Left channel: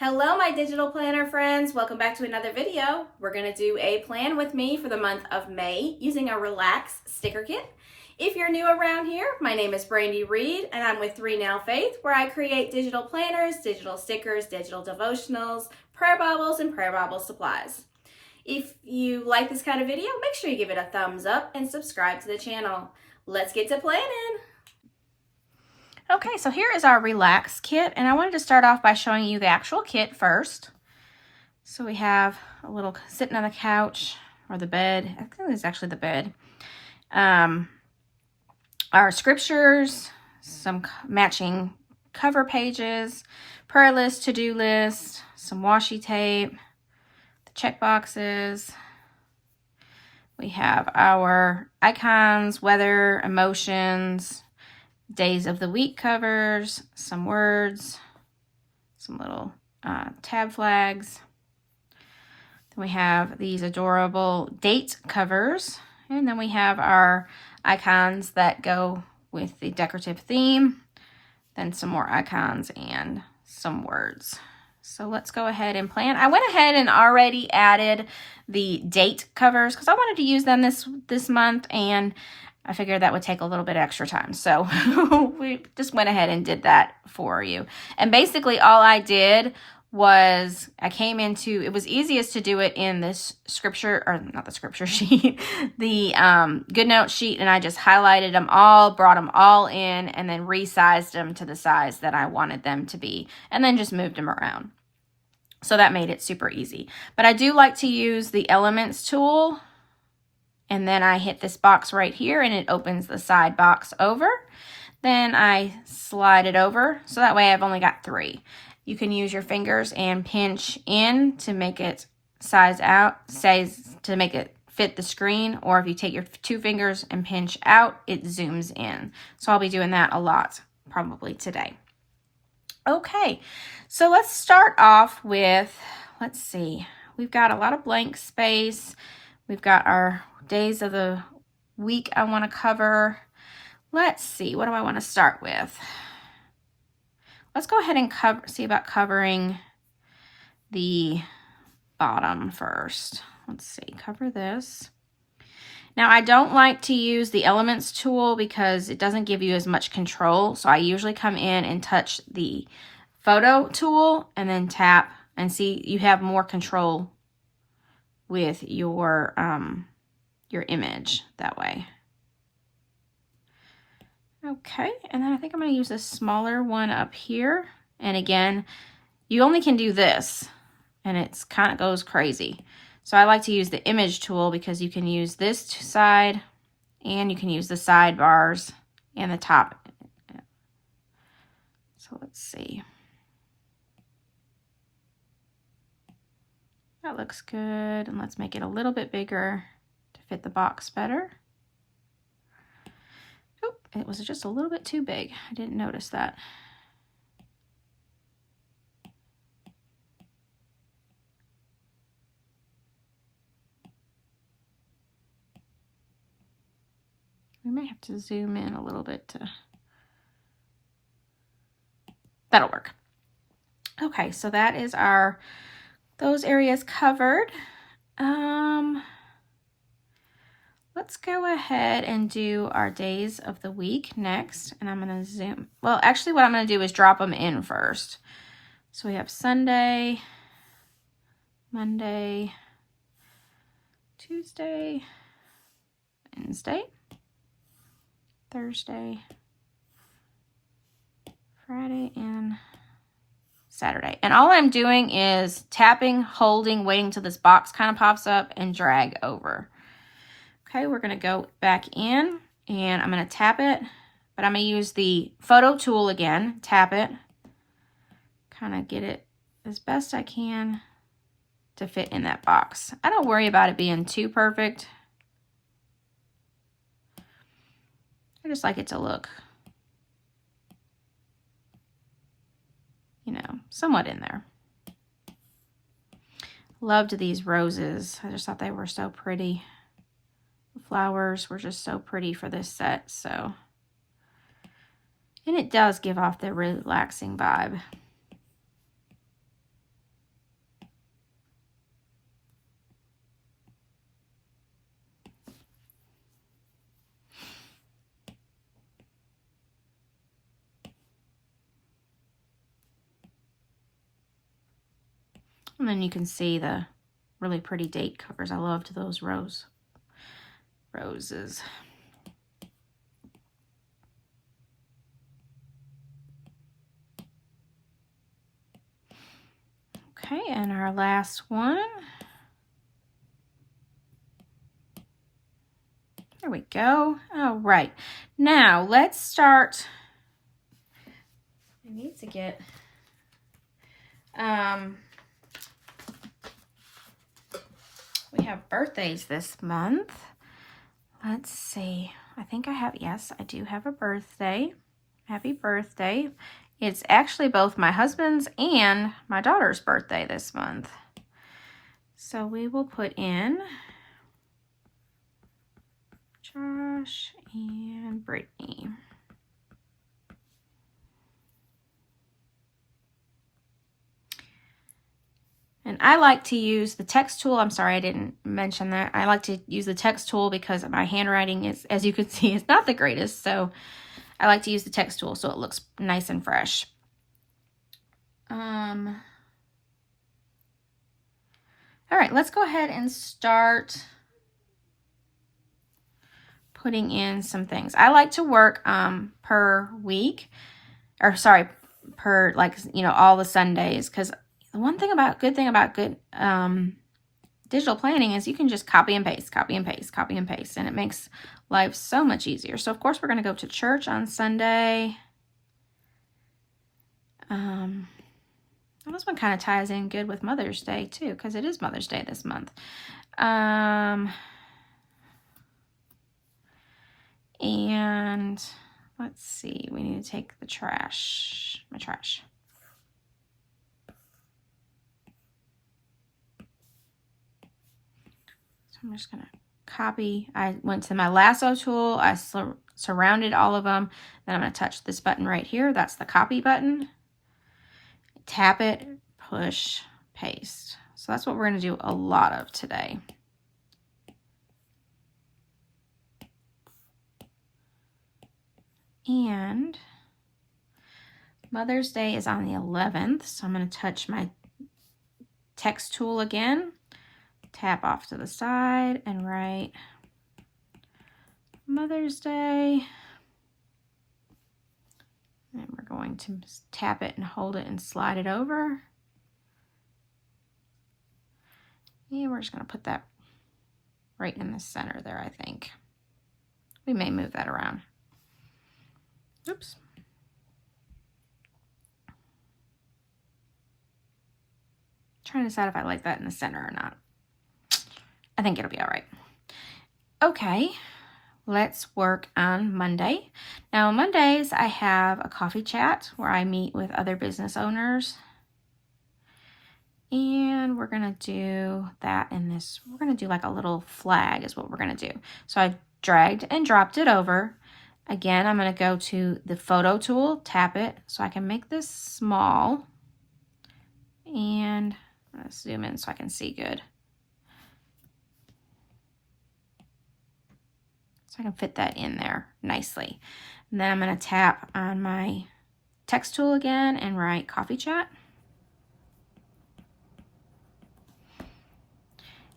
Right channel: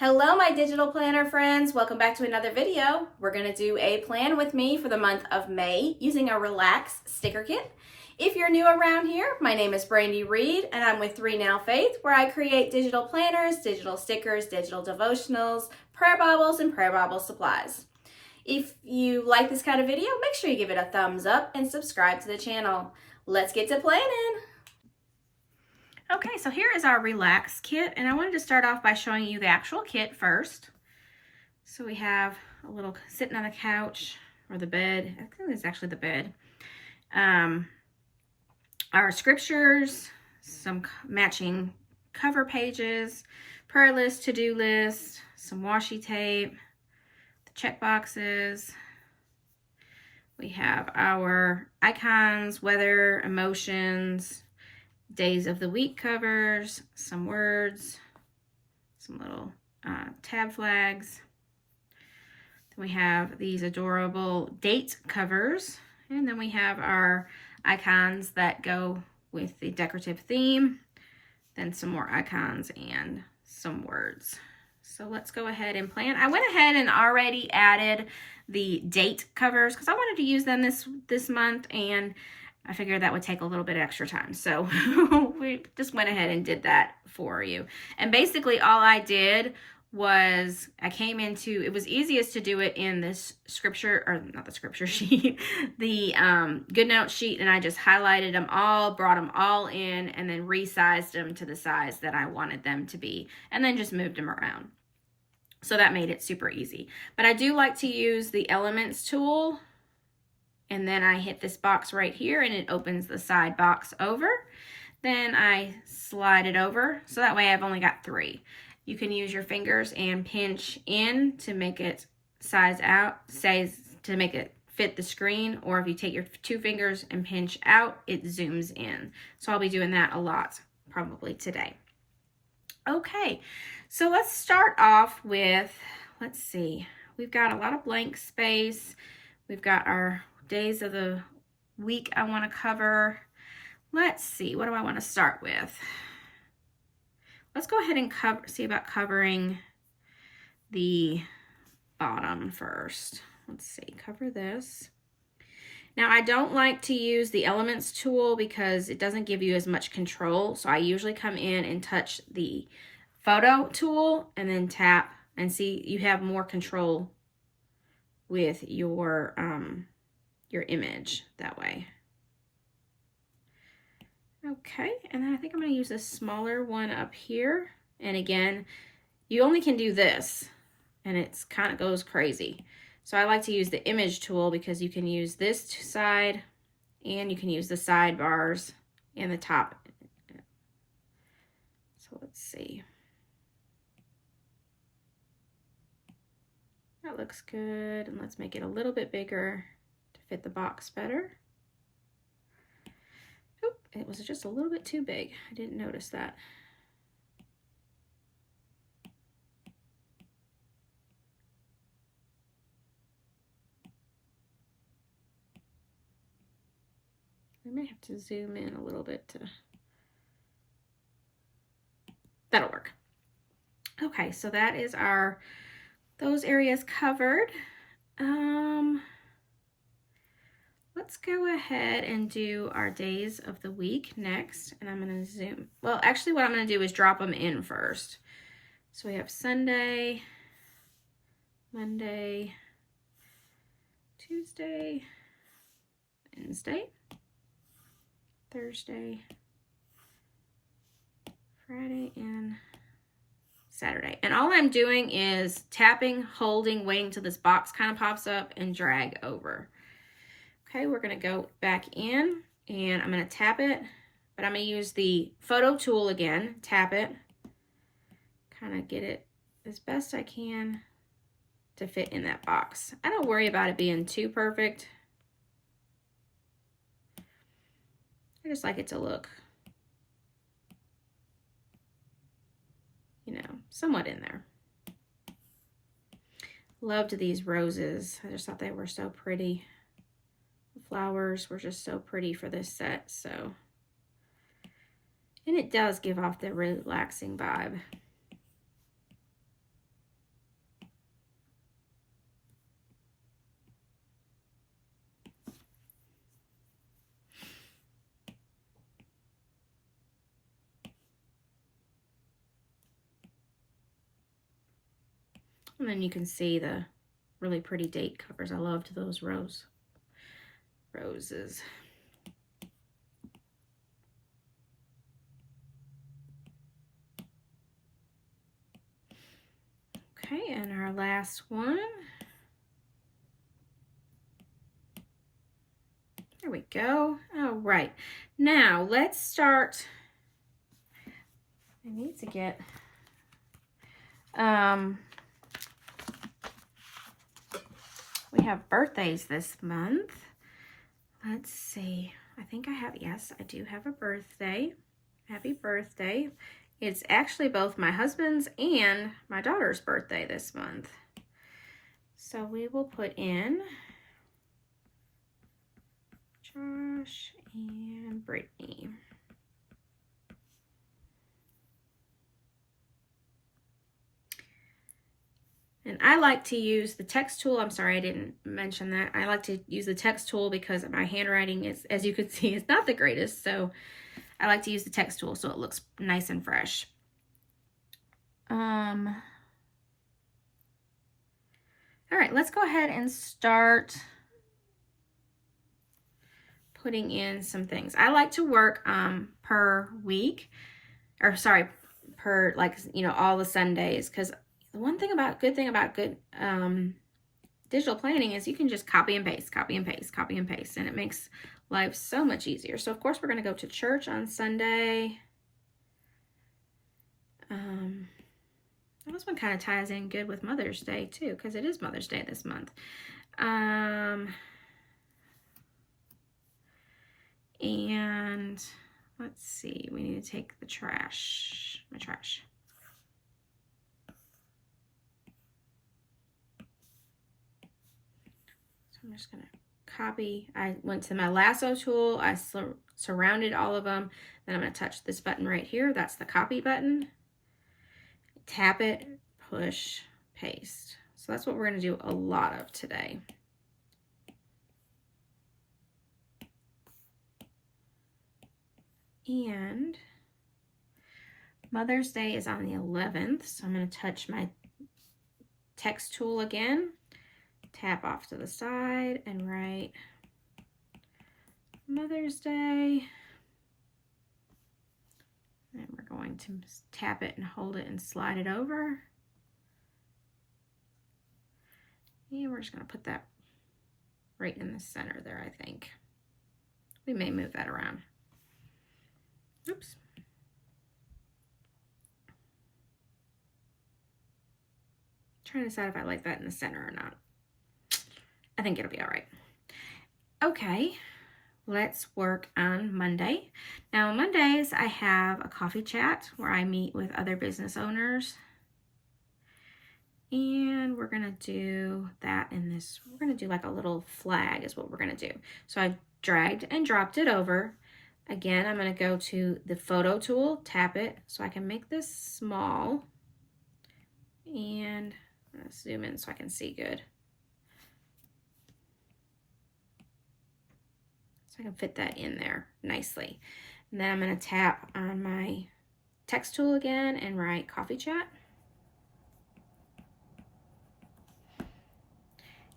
Hello, my digital planner friends. Welcome back to another video. We're going to do a plan with me for the month of May using a Relax sticker kit. If you're new around here, my name is Brandi Reed and I'm with 3 Now Faith, where I create digital planners, digital stickers, digital devotionals, prayer Bibles, and prayer Bible supplies. If you like this kind of video, make sure you give it a thumbs up and subscribe to the channel. Let's get to planning. Okay, so here is our Relax kit, and I wanted to start off by showing you the actual kit first. So we have a little sitting on the couch or the bed. I think it's actually the bed. Our scriptures, some matching cover pages, prayer list, to-do list, some washi tape, the check boxes. We have our icons, weather, emotions, days of the week covers, some words, some little tab flags. Then we have these adorable date covers, and then we have our icons that go with the decorative theme, then some more icons and some words. So let's go ahead and plan. I went ahead and already added the date covers because I wanted to use them this month, and I figured that would take a little bit extra time. So we just went ahead and did that for you. And basically all I did was it was easiest to do it in this scripture, or not the scripture sheet, the GoodNotes sheet. And I just highlighted them all, brought them all in, and then resized them to the size that I wanted them to be, and then just moved them around. So that made it super easy. But I do like to use the Elements tool. And then I hit this box right here and it opens the side box over. Then I slide it over. So that way I've only got 3. You can use your fingers and pinch in to make it to make it fit the screen. Or if you take your 2 fingers and pinch out, it zooms in. So I'll be doing that a lot probably today. Okay, so let's start off with, let's see, we've got a lot of blank space. We've got our days of the week I want to cover. Let's see, what do I want to start with? Let's go ahead and see about covering the bottom first. Let's see, cover this. Now I don't like to use the Elements tool because it doesn't give you as much control. So I usually come in and touch the photo tool and then tap and see you have more control with your image that way. Okay, and then I think I'm going to use this smaller one up here. And again, you only can do this, and it's kind of goes crazy. So I like to use the image tool because you can use this side, and you can use the sidebars and the top. So let's see. That looks good, and let's make it a little bit bigger to fit the box better. Oh, it was just a little bit too big. I didn't notice that. We may have to zoom in a little bit to... That'll work. Okay, so that is those areas covered. Let's go ahead and do our days of the week next, and I'm going to zoom. Well, actually what I'm going to do is drop them in first. So we have Sunday, Monday, Tuesday, Wednesday, Thursday, Friday, and Saturday. And all I'm doing is tapping, holding, waiting till this box kind of pops up and drag over. Okay, we're going to go back in and I'm going to tap it, but I'm going to use the photo tool again, tap it, kind of get it as best I can to fit in that box. I don't worry about it being too perfect. I just like it to look, you know, somewhat in there. Loved these roses. I just thought they were so pretty. The flowers were just so pretty for this set, so. And it does give off the relaxing vibe. And then you can see the really pretty date covers. I loved those roses. Okay, and our last one. There we go. All right, now let's start. I need to get we have birthdays this month. Let's see. I think I have, yes, I do have a birthday. Happy birthday. It's actually both my husband's and my daughter's birthday this month. So we will put in Josh and Brittany. And I like to use the text tool. I'm sorry, I didn't mention that. I like to use the text tool because my handwriting is, as you can see, is not the greatest. So I like to use the text tool so it looks nice and fresh. All right, let's go ahead and start putting in some things. I like to work per week, or sorry, per, like, you know, all the Sundays, because the one thing about, good thing about good digital planning is you can just copy and paste, copy and paste, copy and paste, and it makes life so much easier. So of course we're going to go to church on Sunday. This one kind of ties in good with Mother's Day too, because it is Mother's Day this month. And let's see, we need to take the trash, my trash. So I'm just going to copy. I went to my lasso tool. I surrounded all of them. Then I'm going to touch this button right here. That's the copy button. Tap it, push, paste. So that's what we're going to do a lot of today. And Mother's Day is on the 11th. So I'm going to touch my text tool again. Tap off to the side and write Mother's Day. And we're going to tap it and hold it and slide it over. And we're just going to put that right in the center there, I think. We may move that around. Oops. Trying to decide if I like that in the center or not. I think it'll be all right. Okay, let's work on Monday. Now, Mondays, I have a coffee chat where I meet with other business owners. And we're going to do that in this. We're going to do like a little flag is what we're going to do. So I dragged and dropped it over. Again, I'm going to go to the photo tool, tap it so I can make this small. And I'm going to zoom in so I can see good. I can fit that in there nicely. And then I'm going to tap on my text tool again and write coffee chat.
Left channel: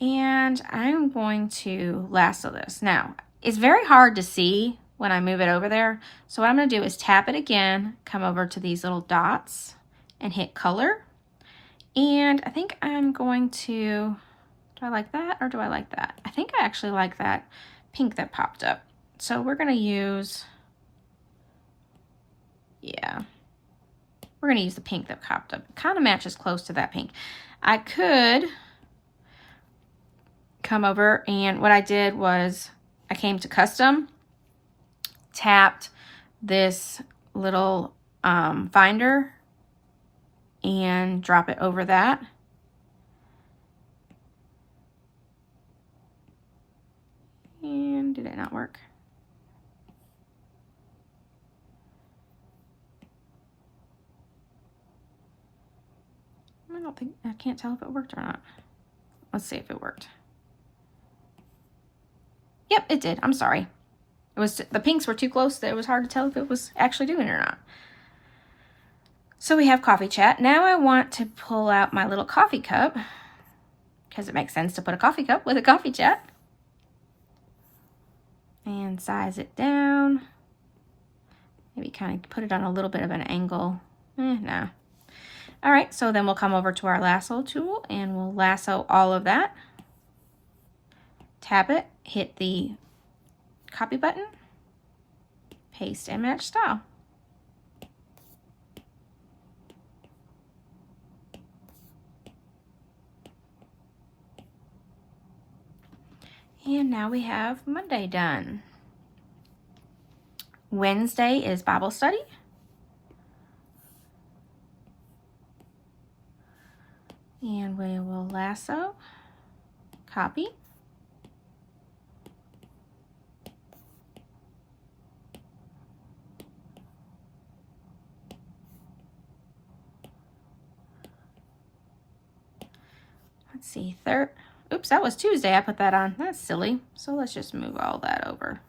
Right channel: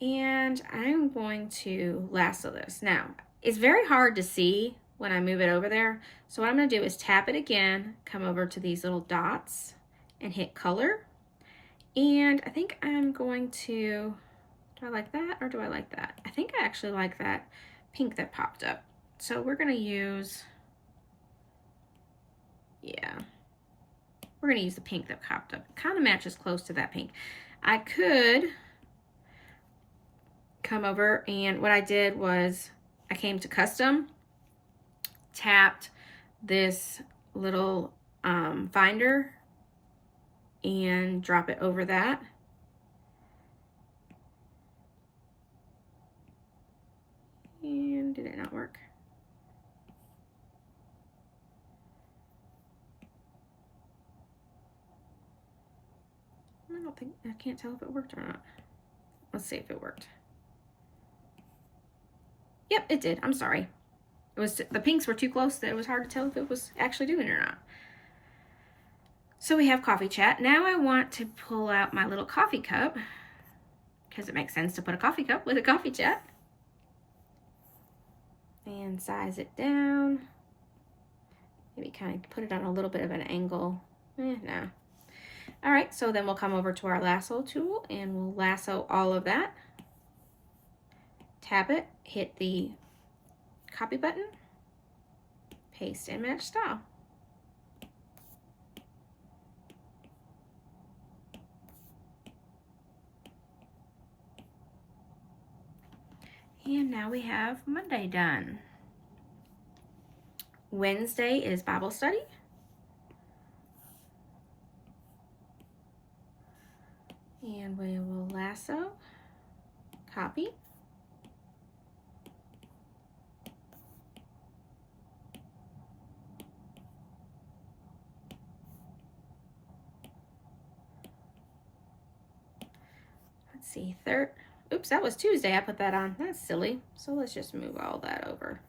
And I'm going to lasso this. Now, it's very hard to see when I move it over there. So what I'm going to do is tap it again, come over to these little dots and hit color. And I think I'm going to, do I like that or do I like that? I think I actually like that pink that popped up. So we're going to use, yeah, we're going to use the pink that popped up. It kind of matches close to that pink. I could come over, and what I did was I came to custom, tapped this little finder and drop it over that. And did it not work? I can't tell if it worked or not. Let's see if it worked. Yep, it did. I'm sorry. It was, the pinks were too close that it was hard to tell if it was actually doing it or not. So we have coffee chat. Now I want to pull out my little coffee cup because it makes sense to put a coffee cup with a coffee chat. And size it down. Maybe kind of put it on a little bit of an angle. Nah. All right, so then we'll come over to our lasso tool and we'll lasso all of that. Tap it, hit the copy button, paste and match style. And now we have Monday done. Wednesday is Bible study. And we will lasso, copy. Let's see, oops, that was Tuesday I put that on. That's silly. So let's just move all that over.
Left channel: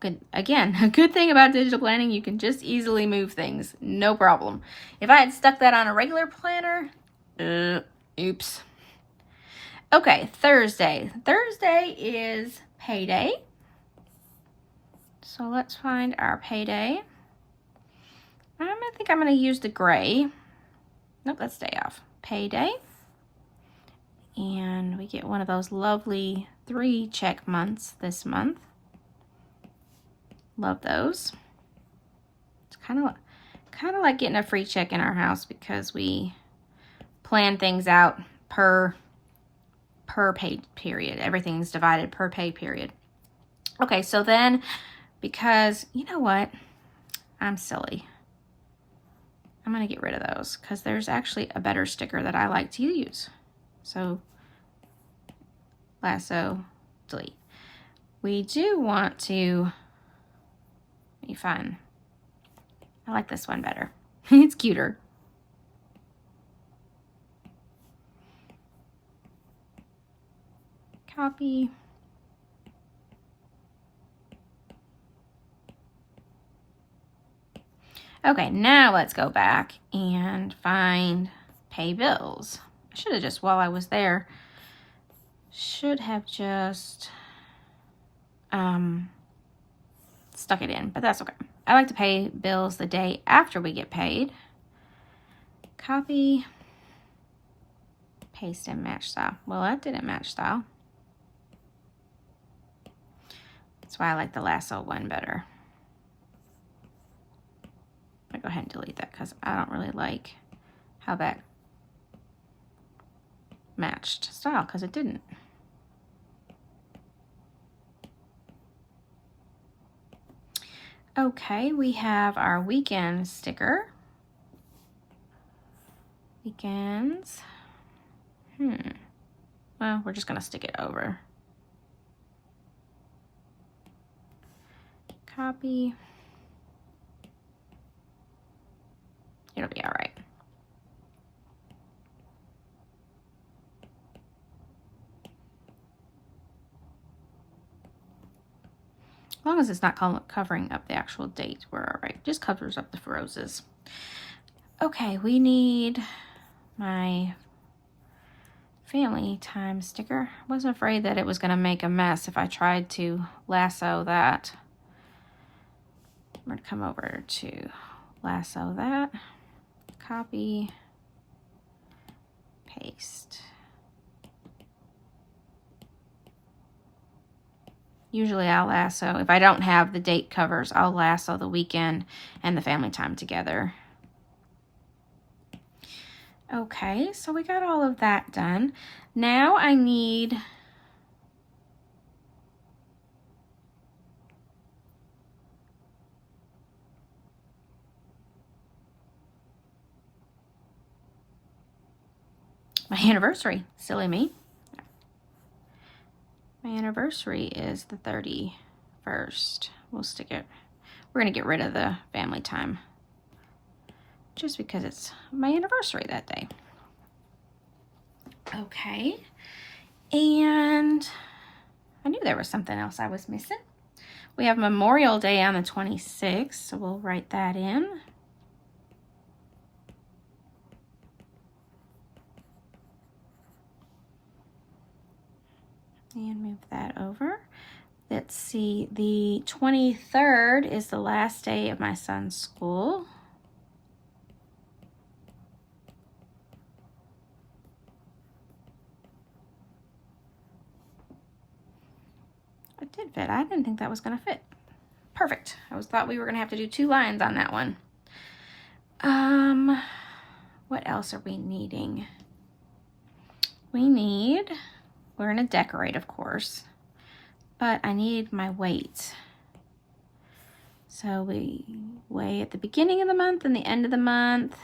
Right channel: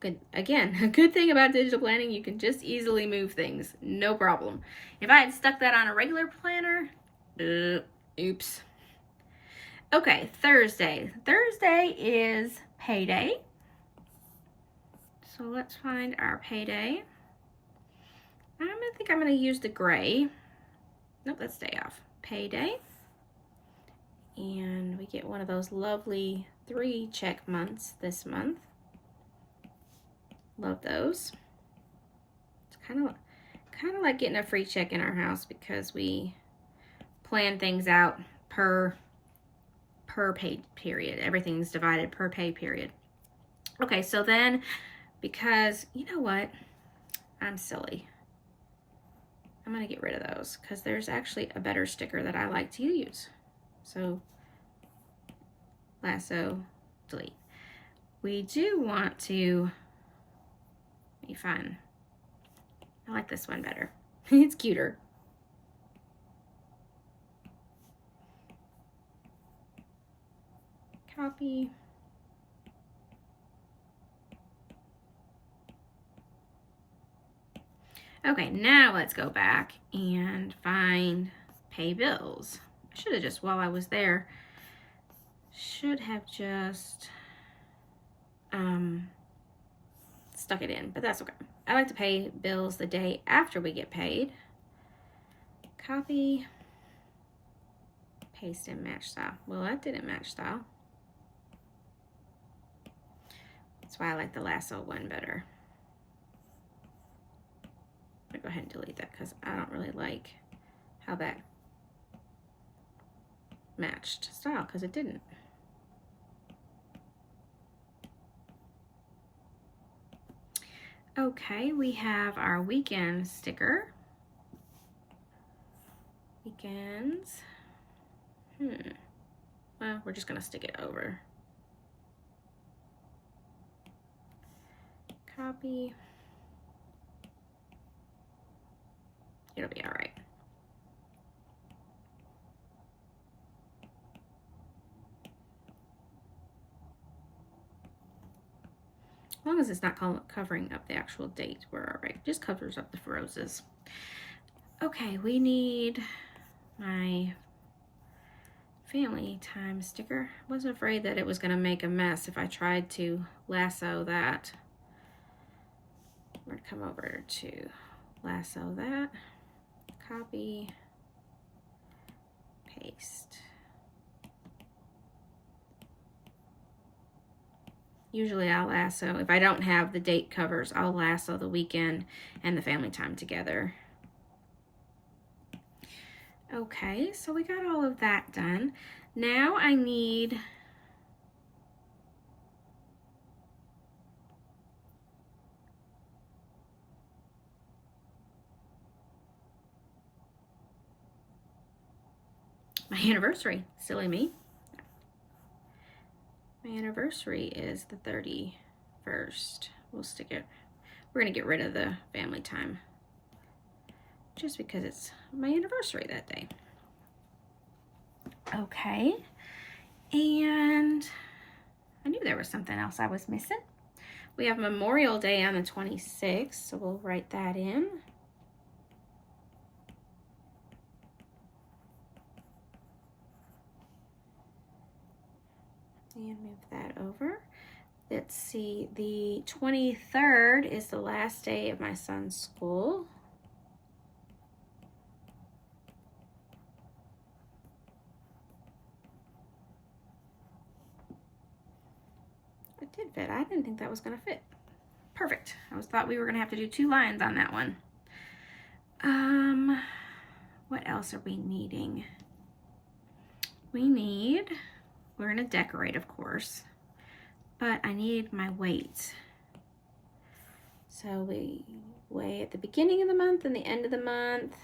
Good. Again, a good thing about digital planning, you can just easily move things. No problem. If I had stuck that on a regular planner, oops. Okay, Thursday. Thursday is payday. So let's find our payday. I think I'm going to use the gray. Nope, let's stay off. Payday. And we get one of those lovely 3 check months this month. Love those. It's kind of like getting a free check in our house because we plan things out per pay period. Everything's divided per pay period. Okay, so then, because you know what? I'm silly. I'm going to get rid of those because there's actually a better sticker that I like to use. So, lasso, delete. We do want to, let me find, I like this one better. It's cuter. Copy. Okay, now let's go back and find pay bills. I should have just, while I was there, should have just stuck it in, but that's okay. I like to pay bills the day after we get paid. Copy, paste and match style. Well, that didn't match style. That's why I like the lasso one better. I'll go ahead and delete that because I don't really like how that matched style because it didn't. Okay, we have our weekend sticker. Weekends. Well, we're just gonna stick it over. Copy. It'll be all right. As long as it's not covering up the actual date, we're all right. Just covers up the roses. Okay, we need my family time sticker. I wasn't afraid that it was going to make a mess if I tried to lasso that. I'm going to come over to lasso that, copy, paste. Usually I'll lasso, if I don't have the date covers, I'll lasso the weekend and the family time together. Okay, so we got all of that done. Now I need my anniversary. Silly me. My anniversary is the 31st. We'll stick it. We're going to get rid of the family time just because it's my anniversary that day. Okay. And I knew there was something else I was missing. We have Memorial Day on the 26th, so we'll write that in. And move that over. Let's see, the 23rd is the last day of my son's school. It did fit. I didn't think that was going to fit. Perfect. I thought we were going to have to do 2 lines on that one. What else are we needing? We're going to decorate, of course, but I need my weight. So we weigh at the beginning of the month and the end of the month.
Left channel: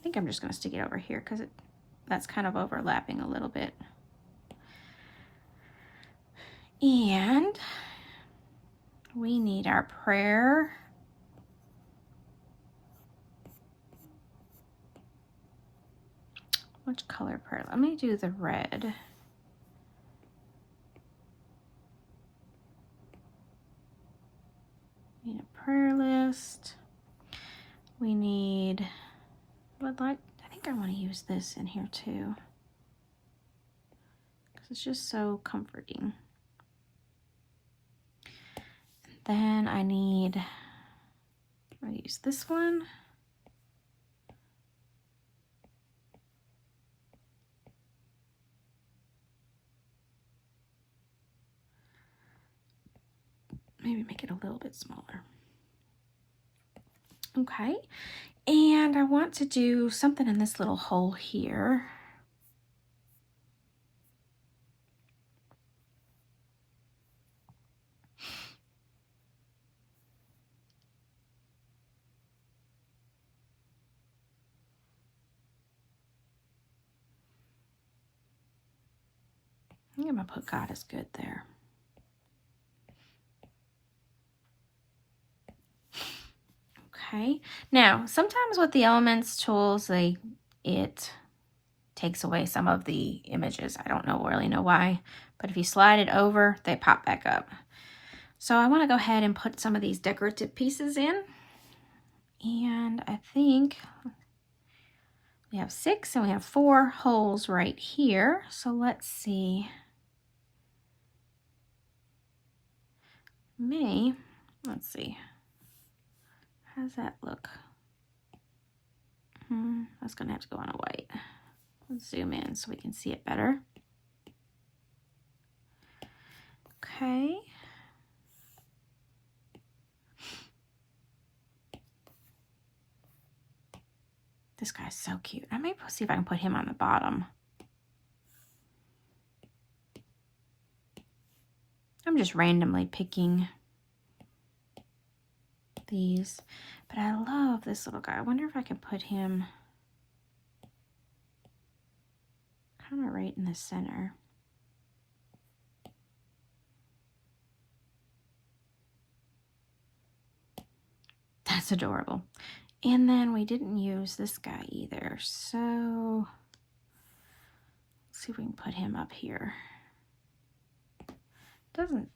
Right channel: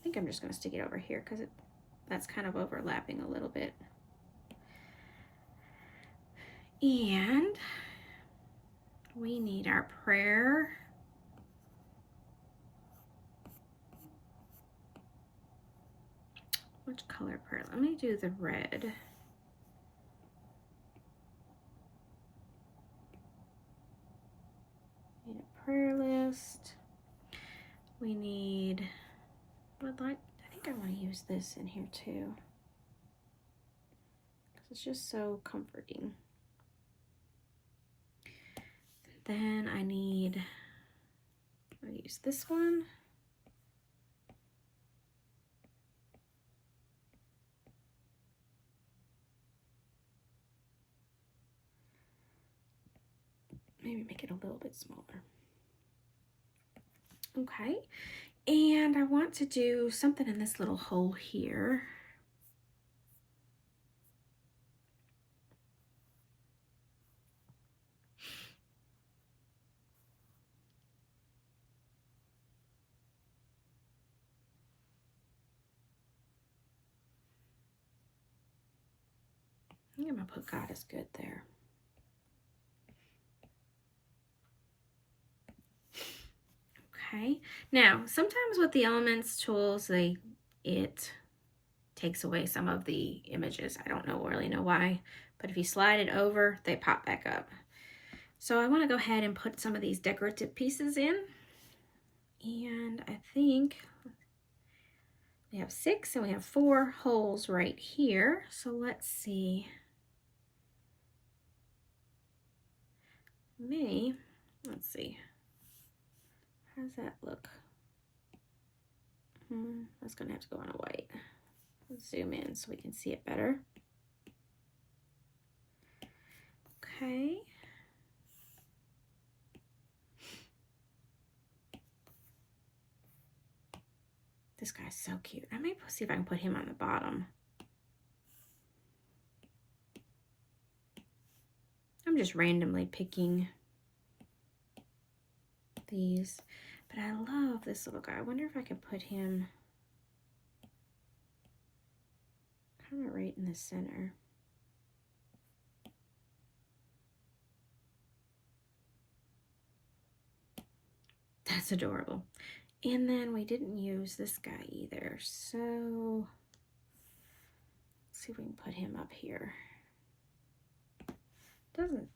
I think I'm just going to stick it over here because that's kind of overlapping a little bit. And we need our prayer. Which color prayer? Let me do the red. We need a prayer list. We need, I think I want to use this in here too, because it's just so comforting. Then I'll use this one. Maybe make it a little bit smaller. Okay, and I want to do something in this little hole here. I think I'm gonna put God is good there. Okay, now sometimes with the Elements tools, it takes away some of the images. I don't really know why, but if you slide it over, they pop back up. So I want to go ahead and put some of these decorative pieces in. And I think we have 6 and we have 4 holes right here. So let's see. Let's see. How does that look? That's gonna have to go on a white. Let's zoom in so we can see it better. Okay. This guy's so cute. I may see if I can put him on the bottom. I'm just randomly picking these, but I love this little guy. I wonder if I can put him kind of right in the center. That's adorable. And then we didn't use this guy either, so let's see if we can put him up here. Doesn't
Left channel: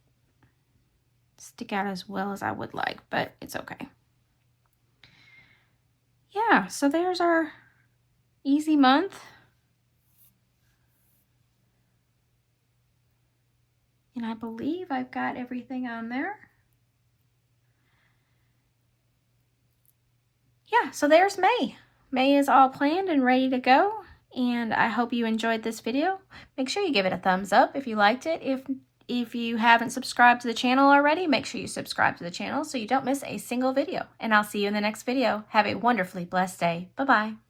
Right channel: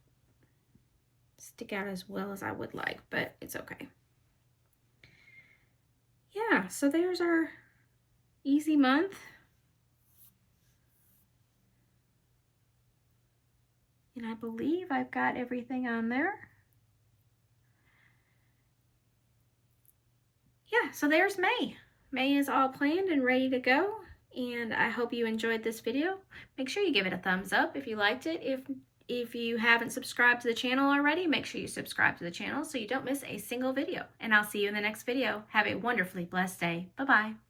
stick out as well as I would like, but it's okay. Yeah, so there's our easy month. And I believe I've got everything on there. Yeah, so there's May. May is all planned and ready to go. And I hope you enjoyed this video. Make sure you give it a thumbs up if you liked it. If you haven't subscribed to the channel already, make sure you subscribe to the channel so you don't miss a single video. And I'll see you in the next video. Have a wonderfully blessed day. Bye-bye.